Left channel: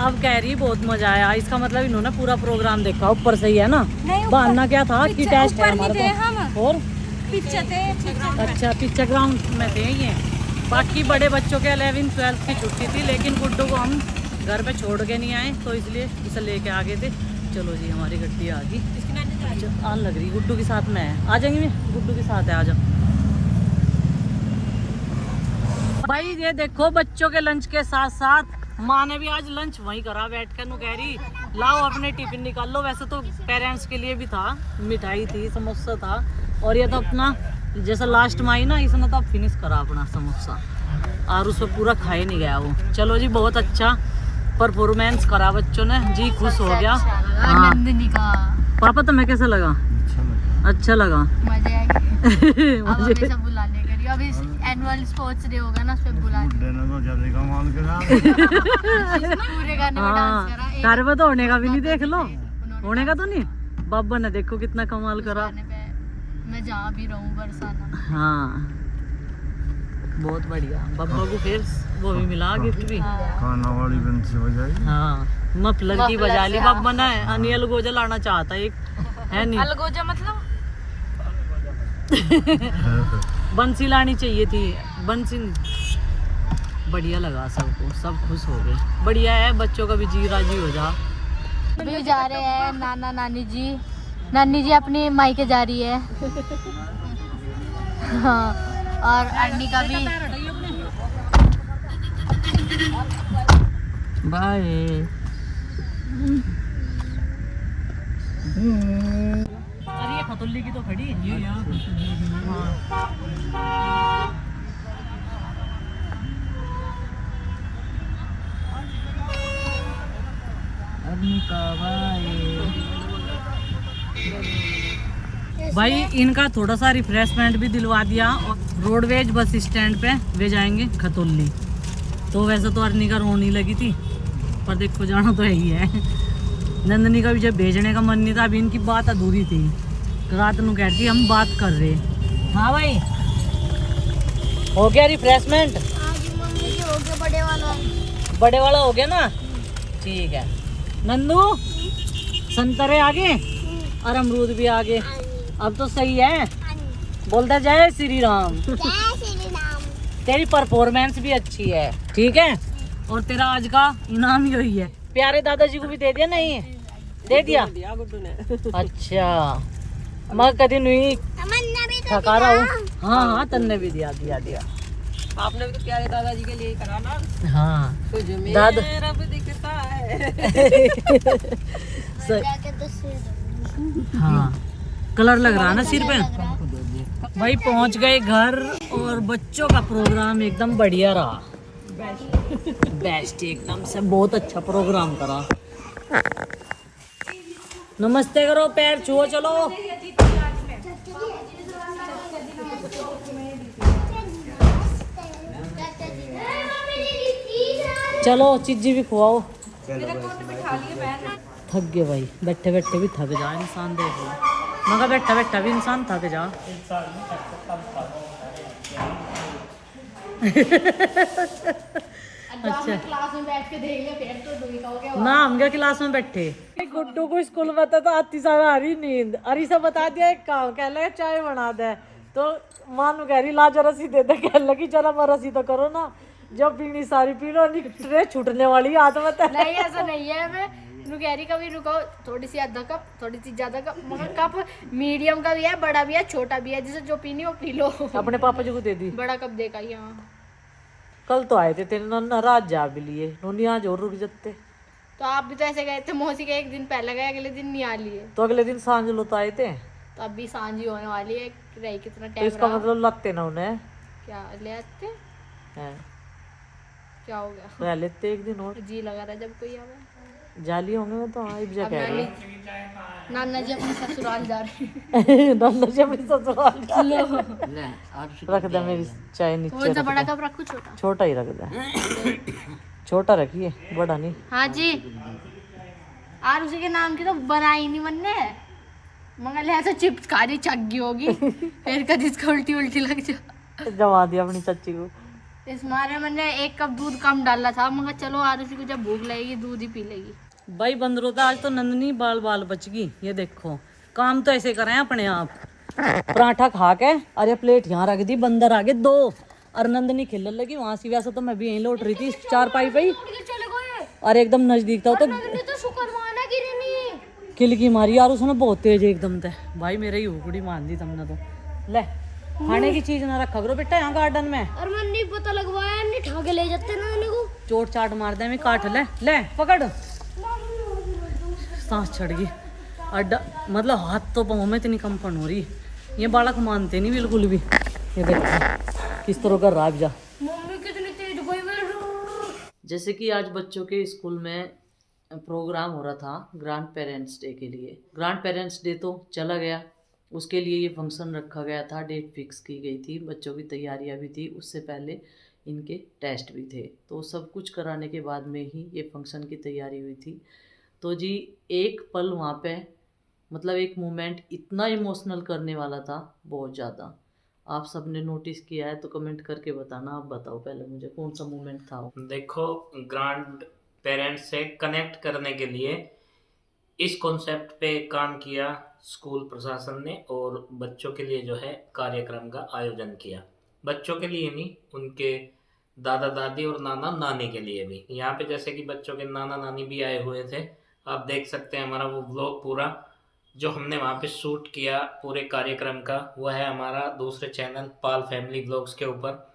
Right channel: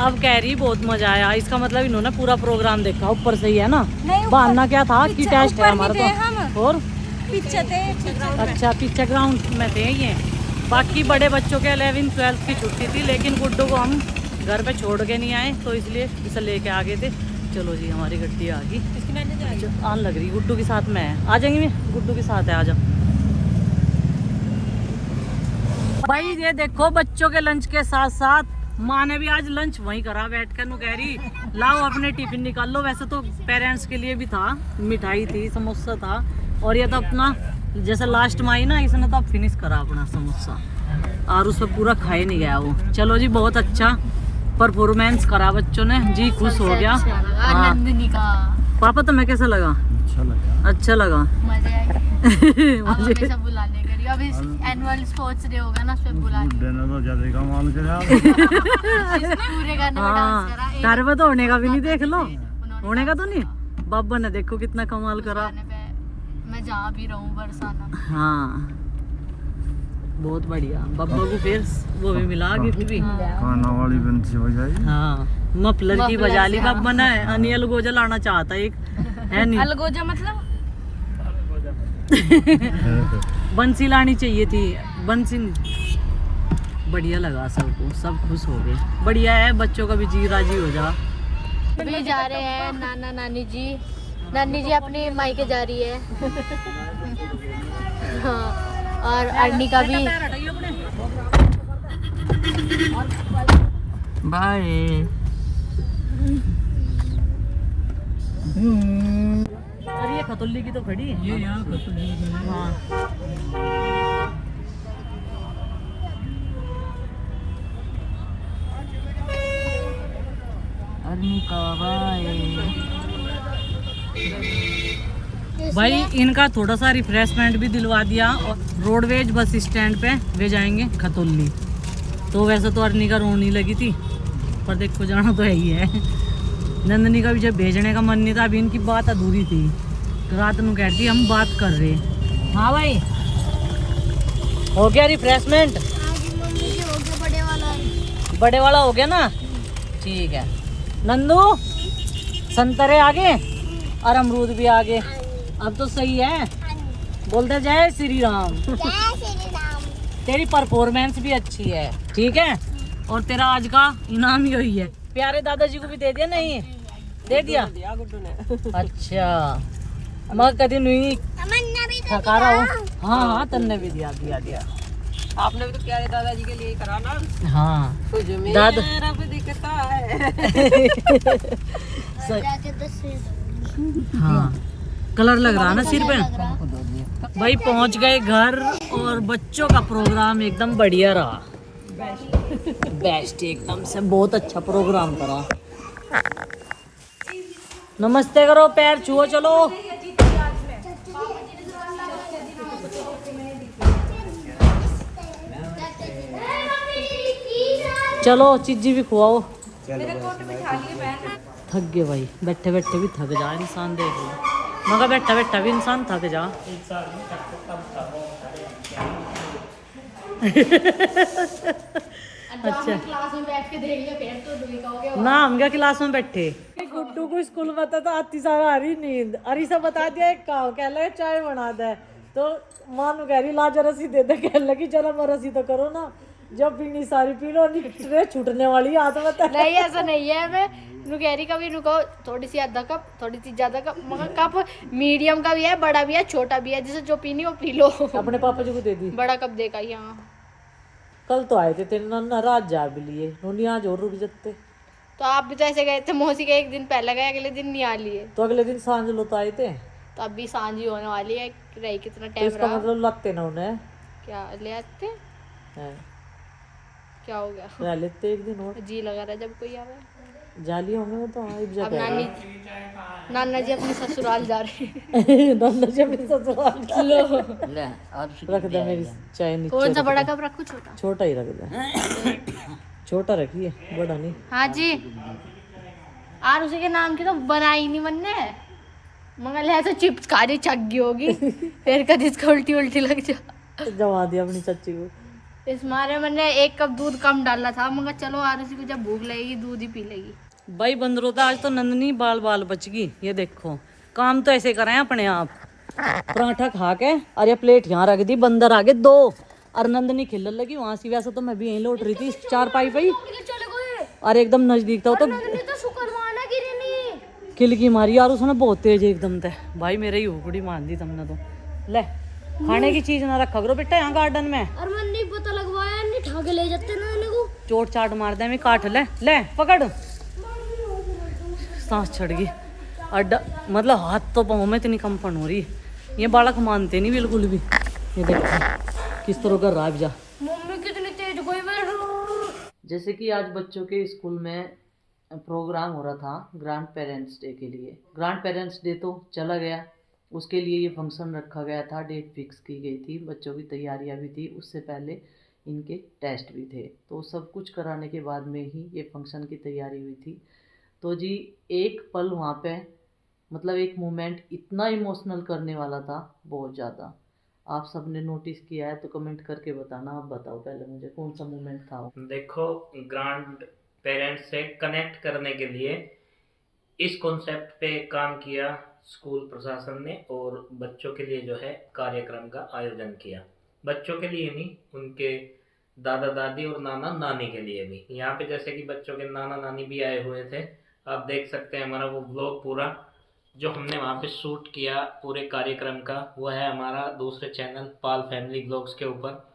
अब कह रही बहुत मजा आया, इसका मतलब इन्होंने पूरा प्रोग्राम देखा ऊपर से ही है ना। बहाना क्या था कि टेस्ट है हमारा तो। और पीछे थे। अच्छा पीछे ग्राउंड में थे ये। बाकी बड़े बच्चों के 11th 12th की छुट्टी थी, लेकिन गुड्डू को हम घर पे छोड़ के नहीं आए, तो इसलिए इसे लेके आ गए थे। चलो जी हमारी गड्डी आ गई, आन लग रही। गुड्डू के साथ में है, आ जाएंगे। मैं गुड्डू के साथ है, आ जाओ भाई। ये देखो बच्चों के लंच के साथ साथ माँ ने भी आज लंच वहीं करा बैठ कर। कह रही लाओ अपने टिफिन निकाल लो। वैसे तो पेरेंट्स के लिए भी था, मिठाई थी, समोसा था, और ये तो अपना जैसा लास्ट में आई ना, इसने तो फिनिश करा अपना समोसा, और उसमें पूरा खाए नहीं गया वो। चलो जी बहुत अच्छा परफॉर्मेंस करा बच्चों ने, जी खुश हो गया। हाँ पापा तुम्हें कैसा लगा? अच्छा लगा। मजे आई। अब हमेशा बुलाने करी, अब इस एनुअल स्पोर्ट्स डे होगा ना, सब बुलाने। पूरे गाने में डांस करा। तारे में तो होने का भी नहीं, देख लो होने का तो नहीं। बाबा ने देखो कितना कमाल करा। मैं जहाँ भी रहूँ बरसाना। हाँ बहुत बढ़िया। बाबा को फिर वो भी मिला, गिफ्ट भी। खाना वाली बंसी हो जाएगी। हाँ मफलर की बजा ली बाबा ने। अनियल गोजा लाना चाहता एक है नहीं। अलगोजा मतलब बंसी लानी चाहिए थी, बंसी नहीं। बढ़िया लगा सबको, सब खुश हो गए। बढ़िया है, बच्चों का भी जी राजी हो जा। अभी जा रहे हैं नाना नानी जी। नानी जी अपनी मायके जा रही है। हाँ और अर्नी का भी। बाय। अरे ये खतुल्ली की तो खड़ी है। ये यहाँ हाँ। भाई इनका थोड़ा सा रिफ्रेशमेंट भी दिलवा दिया, और रोडवेज बस स्टैंड पे वे जाएंगे खतौली। तो वैसे तो अर्नी का रोनी लगी थी, पर देखो जाना तो है ही है। नंदनी का भी जब भेजने का मन नहीं था, अभी इनकी बात अधूरी थी। रात ਨੂੰ कहती हम बात कर रहे। हाँ भाई हो गया रिफ्रेशमेंट? हो गया बड़े वाला। बड़े वाला हो गया ना, ठीक है। नंदू संतरे आगे और अमरूद भी आगे, अब तो सही है। बोलते जय श्री राम। तेरी परफॉर्मेंस भी अच्छी है, ठीक है। और तेरा आज का इनाम यही है। प्यारे दादाजी को भी दे दिया? नहीं दे दिया। अच्छा मैं कभी नहीं थका रहा हूँ। हाँ हाँ तन्ने भी दिया दिया दिया। आपने भी तो प्यारे दादाजी के लिए करा ना। हाँ मेरा भी दिखता है। हाँ कलर लग रहा है ना सिर पे। भाई पहुंच गए घर, और बच्चों का प्रोग्राम एकदम बढ़िया रहा। बेस्ट एकदम से, बहुत अच्छा प्रोग्राम करा। नमस्ते करो, पैर छुओ। चलो चलो चीजी भी खुआओ। थक गए भाई, बैठे बैठे भी थक जा इंसान। देख लो मगर बैठा बैठा भी इंसान थक जा। अच्छा क्लास में बैठ के देख ले फिर तो दुई का हो गया। ना हम क्या क्लास में बैठे। गुड्डू को स्कूल में तो आती सारा आ रही नींद। अरे सब बता दिया एक काम, कह ले चाय बना दे, तो मां कह रही ला जरा सी दे दे। कह लगी चलो मैं रसी तो करो ना, जब पीनी सारी पी लो, ट्रे छूटने वाली हाथ में। नहीं ऐसा नहीं है। मैं कह रही कभी रुको, थोड़ी सी आधा कप, थोड़ी सी ज्यादा कप, मगर कप मीडियम का भी है, बड़ा भी है, छोटा भी है, जिसे जो पीनी वो पी लो। अपने पापा जी को दे दी। बड़ा कप देखा यहाँ। कल तो आए थे तेरे नाराज जा भी लिए उन्हें, आज और रुक जाते। तो आप भी तो ऐसे गए थे, मौसी के एक दिन पहले गए, अगले दिन नहीं आ लिए। तो अगले दिन सांझ लो तो आए थे। तो अब भी सांझ ही होने वाली है, रही कितना तो टाइम इसका रहा। मतलब लगते ना उन्हें। क्या ले आते? हैं। क्या हो गया? रह लेते एक दिन और। जी लगा रहा जब कोई आवे। जाली होंगे तो हाँ एक अब जगह। नाना जी अपने ससुराल जा रहे नाना जी अपने ससुराल जा रहे। रख दे मेरी चाय नीचे। कौन सा बड़ा कप रखूं छोटा? छोटा ही रख दे। छोटा रखिए, बड़ा नहीं। हाँ जी। और उसी के नाम की तो बनाई नहीं बनने, मगर ऐसे चिप्स खारी चक गई होगी। फिर कभी इसको उल्टी उल्टी लग जा। जमा दिया अपनी चाची को। इस मारे मैंने 1 कप दूध कम डाला था, मगर चलो आरुषि को जब भूख लगेगी दूध ही पी लेगी। भाई बंदरों तो आज तो नंदनी बाल बाल बच गई। ये देखो काम तो ऐसे करें अपने आप। पराठा खा के और ये प्लेट यहाँ रख दी, बंदर आ गए 2 और नंदनी खेलने लगी वहां से। वैसे तो मैं भी यहीं लौट रही थी 4 पाई पे और एकदम नजदीक था तो किलकी मारी यार उसने बहुत तेज एकदम से। भाई मेरे ही हुकड़ी मान दी तुमने तो। ले खाने की चीज ना रखा करो बेटा यहाँ गार्डन में। और मैं नहीं पता लगवाया, नहीं ठाके ले जाते ना को चोट चाट मार दे मैं काट ले। ले पकड़। सांस चढ़ गई अड्डा, मतलब हाथ तो पाँव में इतनी कंपन हो रही। ये बालक मानते नहीं बिल्कुल भी। ये देखो किस तरह कर रहा है जा। मम्मी कितनी तेज कोई जैसे कि आज बच्चों के स्कूल में प्रोग्राम हो रहा था ग्रैंड पेरेंट्स डे के लिए। ग्रैंड पेरेंट्स डे तो चला गया, उसके लिए ये फंक्शन रखा गया था, डेट फिक्स की गई थी, बच्चों की तैयारियां भी थी, उससे पहले इनके टेस्ट भी थे। तो सब कुछ कराने के बाद में ही ये फंक्शन की तैयारी हुई थी। तो जी एक पल वहाँ पे, मतलब एक मोमेंट इतना इमोशनल करने वाला था, बहुत ज़्यादा। आप सब ने नोटिस किया है तो कमेंट करके बताना। आप बताओ पहले मुझे कौन सा मोमेंट था वो। देखो, ग्रैंड पेरेंट्स से कनेक्ट करने के लिए इस कॉन्सेप्ट पे काम किया स्कूल प्रशासन ने और बच्चों के लिए जो है कार्यक्रम का आयोजन किया। बच्चों के लिए नहीं, उनके दादा दादी और नाना नानी के लिए भी। यहाँ पे जैसे कि बच्चों के नाना नानी भी आए हुए थे, आप देख सकते हैं। हमारा वो व्लॉग पूरा जो हमने वहाँ पे शूट किया पूरे कार्यक्रम का, वह है हमारा दूसरे चैनल पाल फैमिली व्लॉग्स के ऊपर।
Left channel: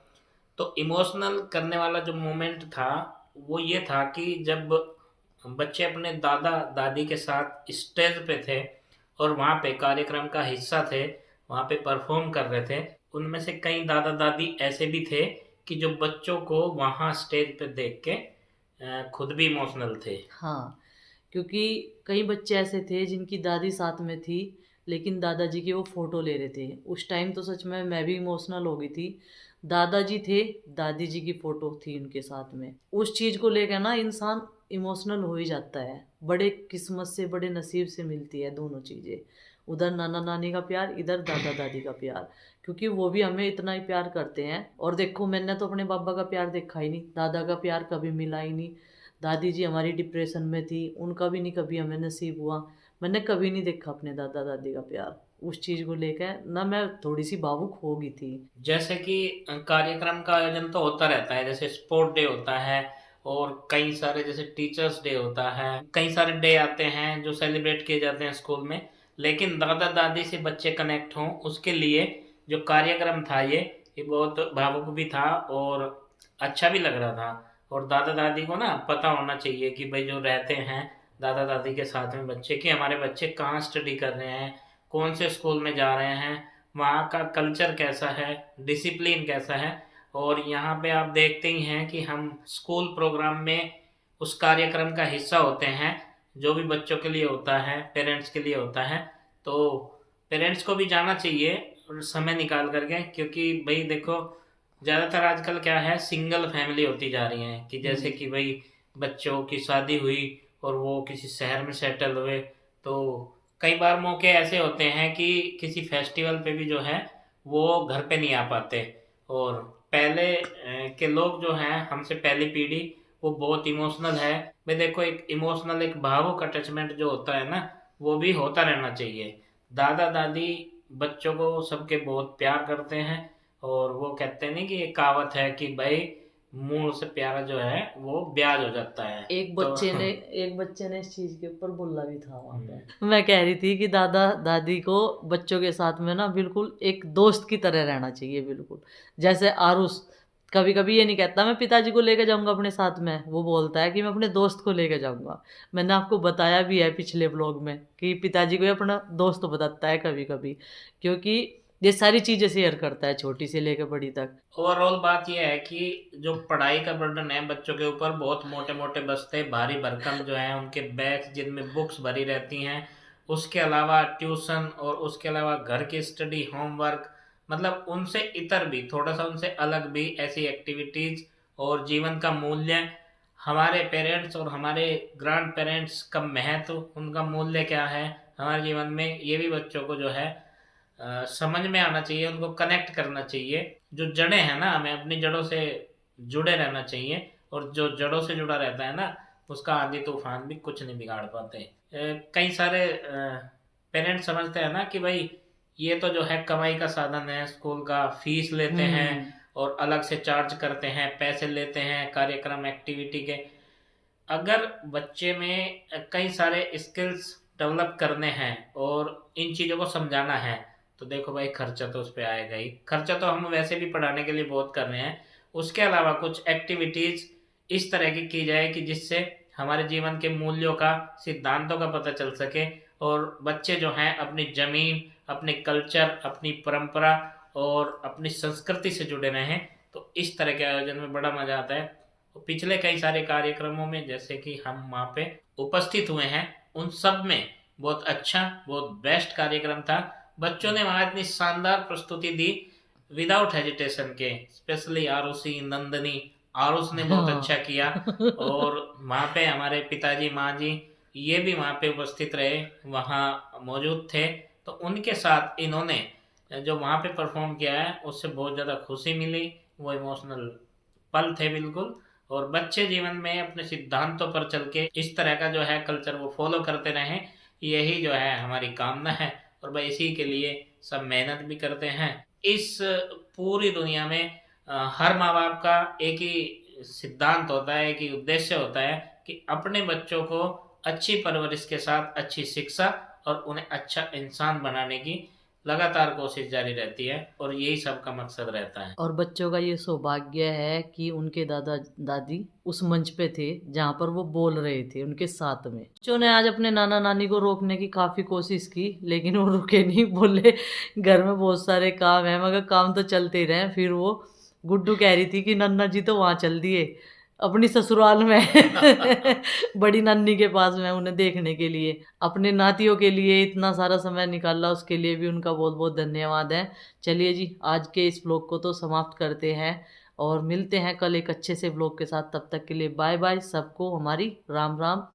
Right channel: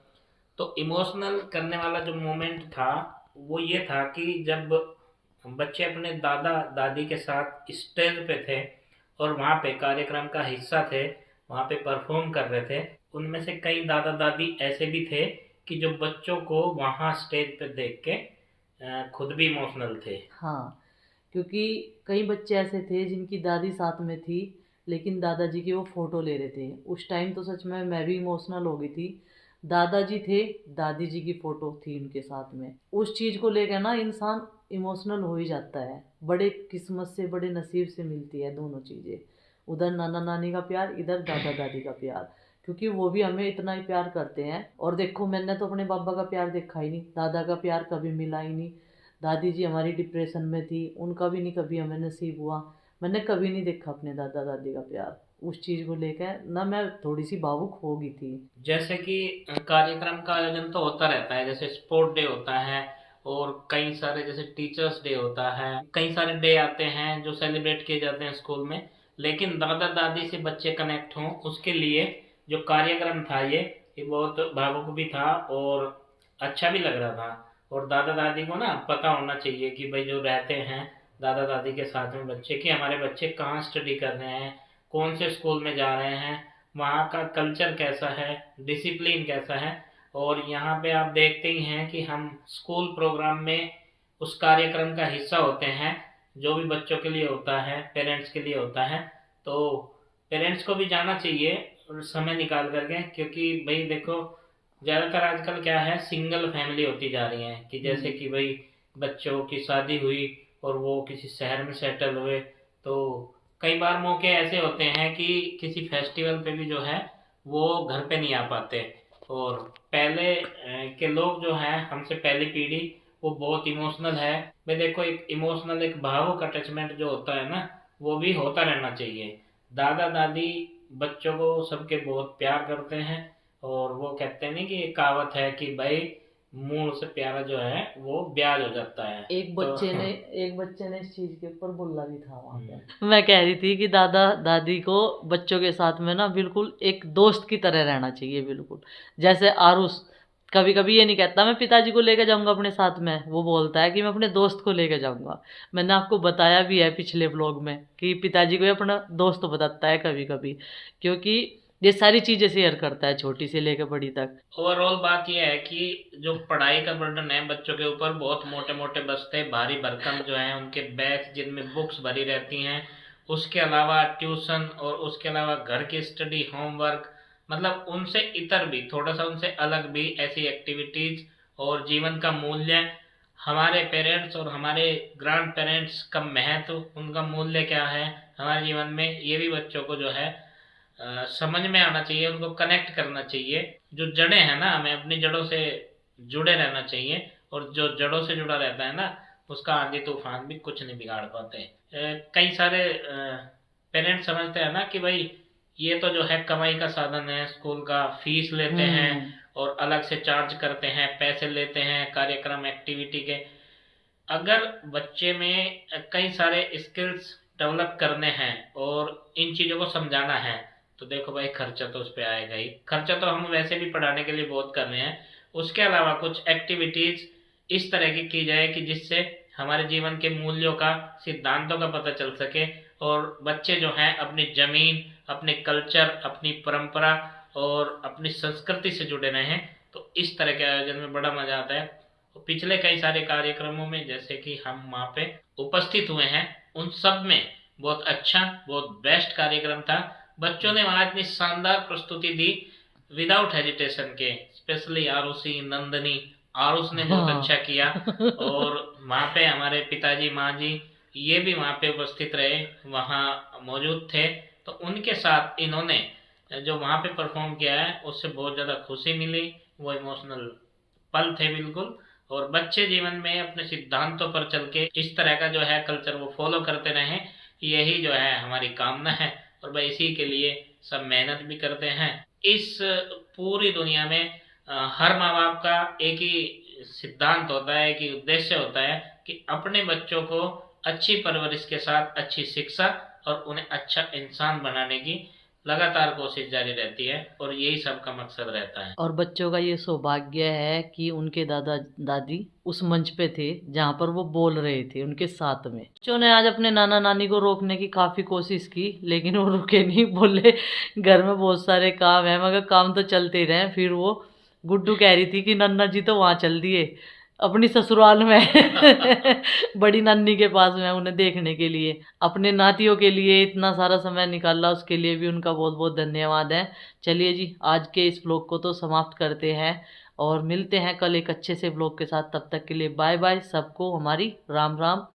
तो इमोशनल करने वाला जो मोमेंट था वो ये था कि जब बच्चे अपने दादा दादी के साथ स्टेज पे थे और वहाँ पे कार्यक्रम का हिस्सा थे, वहाँ पे परफॉर्म कर रहे थे, उनमें से कई दादा दादी ऐसे भी थे कि जो बच्चों को वहाँ स्टेज पे देख के खुद भी इमोशनल थे। हाँ, क्योंकि कई बच्चे ऐसे थे जिनकी दादी साथ में थी लेकिन दादाजी की वो फ़ोटो ले रहे थे। उस टाइम तो सच में मैं भी इमोशनल हो गई थी। दादाजी थे, दादी जी की फ़ोटो थी उनके साथ में। उस चीज़ को लेकर ना इंसान इमोशनल हो ही जाता है। बड़े किस्मत से, बड़े नसीब से मिलती है दोनों चीज़ें। उधर नाना नानी का प्यार, इधर दादा दादी का प्यार, क्योंकि वो भी हमें इतना ही प्यार करते हैं। और देखो मैंने तो अपने बाबा का प्यार देखा ही नहीं, दादा का प्यार कभी मिला ही नहीं। दादी जी हमारी डिप्रेशन में थी, उनका भी नहीं कभी हमें नसीब हुआ। मैंने कभी नहीं देखा अपने दादा दादी का प्यार। उस चीज़ को लेकर ना मैं थोड़ी सी भावुक हो गई थी। जैसे कि कार्यक्रम का आयोजन तो होता रहता है, जैसे स्पोर्ट डे होता है और कई सारे जैसे टीचर्स डे होता है, कई सारे डे आते हैं जो सेलिब्रेट किए जाते हैं स्कूल में। लेकिन दादा दादी से बच्चे कनेक्ट हों उसके लिए जो कार्यक्रम था ये बहुत भावुक भी था और अच्छा भी लग रहा था। और दादा दादी को ना पता होना चाहिए कि भाई जो रहते हैं दादा दादी के साथ में बच्चे, कि हमारे बच्चे कहाँ स्टडी कर रहे हैं, कौन से स्कूल में जा रहे हैं, वहाँ का कल्चर कैसा है, डिसिप्लिन कैसा है। और यहाँ पे आप देखते ही हैं कि हम स्कूल प्रोग्राम में उस कार्यक्रम का हिस्सा होते हैं जो भी बच्चों के लिए होता है, पेरेंट्स के लिए होता है। तो पेरेंट्स को भी जाना चाहिए समय निकाल करके, क्योंकि भाई देखो ज़्यादातर आजकल क्या है, सिंगल फैमिली होती जा रही है कि जैसे कि भाई बच्चों की शादी हुई और वो किसी शहर में सेटल हुए। तो कई बार मौके ऐसे होते हैं कि किसी फेस्टिवल पे भी जो है वो घर पे नहीं आ पाते। और पहले के लोग जो हैं, हमसे पहली पीढ़ी, वो बहुत इमोशनल है। मैं देखो एक इमोशनल, एक भावुक अटैचमेंट जो होता है ना, वो भी होता रहना चाहिए। दादा दादी बच्चों को सबके बहुत प्यार करते हैं और वो कहते हैं नहीं कि एक कहावत है कि भाई मुंह से प्यारा जो है वो ब्याज हो जाता है। एक बच्चे ने इस चीज के ऊपर बोला भी था वहाँ पे। मैं कह रही थी कि दादा दादी को बच्चों के साथ में ना बिल्कुल एक दोस्त की तरह रहना चाहिए। बिल्कुल जैसे आरुष कभी कभी ये नहीं कहता मैं पिताजी को लेकर जाऊंगा अपने साथ में, वो बोलता है कि मैं अपने दोस्त को लेकर जाऊंगा। मैंने आपको बताया भी है पिछले व्लॉग में कि पिताजी को अपना दोस्त बताता है कभी कभी, क्योंकि ये सारी चीज़ें शेयर करता है छोटी से लेकर बड़ी तक। ओवरऑल बात यह है कि जो पढ़ाई का बर्डन है बच्चों के ऊपर, बहुत मोटे मोटे बस्ते भारी भरकम जो हैं उनके बैग जिनमें बुक्स भरी रहती हैं, उसके अलावा ट्यूशन और उसके अलावा घर की स्टडी, होमवर्क, मतलब उनसे इतर भी थोड़ा सा उनसे अलग भी ऐसी एक्टिविटीज़ और जीवन का मूल्य, हमारे पेरेंट्स और हमारे ग्रैंड पेरेंट्स का महत्व, उनका मूल्य क्या है हमारे जीवन में, ये भी बच्चों को जो है समझ में आना चाहिए, उनको कनेक्ट करना चाहिए। जो जड़ें हैं ना, हमें अपनी जड़ों से जुड़े रहना चाहिए, और जो जड़ों से जुड़ा रहता है ना, उसका आंधी तूफान भी कुछ नहीं बिगाड़ पाते। कई सारे पेरेंट्स समझते हैं ना कि भाई ये तो जो है कमाई का साधन है, स्कूल का फीस लेते हैं और अलग से चार्ज करते हैं, पैसे लेते हैं कार्यक्रम एक्टिविटी के। अगर बच्चे में कई सारे स्किल्स डेवलप करने हैं और इन चीज़ों को समझाना है, तो देखो भाई खर्चा तो उस पर आएगा ही। खर्चा तो हम वैसे भी पढ़ाने के लिए बहुत कर रहे हैं, उसके अलावा कुछ एक्टिविटीज़ इस तरह की जाए कि जिससे हमारे जीवन के मूल्यों का, सिद्धांतों का पता चल सके, और बच्चे जो हैं अपनी ज़मीन, अपने कल्चर, अपनी परंपरा और अपनी संस्कृति से जुड़े रहें। तो इस तरह के आयोजन में बड़ा मज़ा आता है। तो पिछले कई सारे कार्यक्रमों में जैसे कि हम वहाँ पे उपस्थित हुए हैं, उन सब में बहुत अच्छा, बहुत बेस्ट कार्यक्रम था। बच्चों ने वहाँ इतनी शानदार प्रस्तुति दी विदाउट हेजिटेशन के, स्पेशली आरुषि, नंदनी, आरुष ने बहुत अच्छा किया। और वहाँ पे हमारे पिताजी, माँ जी ये भी वहाँ पे उपस्थित रहे, वहाँ मौजूद थे। तो उनके साथ इन्होंने जो वहाँ पे परफॉर्म किया है उससे बहुत ज़्यादा खुशी मिली, वो इमोशनल पल थे बिल्कुल। और बच्चे जीवन में अपने सिद्धांतों पर चल के इस तरह का जो है कल्चर वो फॉलो करते रहें, यही जो है हमारी कामना है। और भाई इसी के लिए सब मेहनत भी करते हैं। इस पूरी दुनिया में हर माँ बाप का एक ही सिद्धांत होता है, एक ही उद्देश्य होता है कि अपने बच्चों को अच्छी परवरिश के साथ अच्छी शिक्षा और उन्हें अच्छा इंसान बनाने की लगातार कोशिश जारी रहती है, और यही सबका मकसद रहता है। और बच्चों का ये सौभाग्य है कि उनके दादा दादी उस मंच पे थे जहाँ पर वो बोल रहे थे उनके साथ में। बच्चों ने आज अपने नाना नानी को रोकने की काफ़ी कोशिश की, लेकिन वो रुके नहीं, बोले घर में बहुत सारे काम है, मगर काम तो चलते ही रहे। फिर वो गुड्डू कह रही थी कि नन्ना जी तो वहाँ चल दिए अपनी ससुराल में बड़ी नानी के पास में उन्हें देखने के लिए, अपने नातियों के लिए इतना सारा समय निकाला, उसके लिए भी उनका बहुत बहुत धन्यवाद है। चलिए जी, आज के इस व्लॉग को तो समाप्त करते हैं और मिलते हैं कल एक अच्छे से व्लॉग के साथ। तब तक के लिए बाय बाय, सबको हमारी राम राम।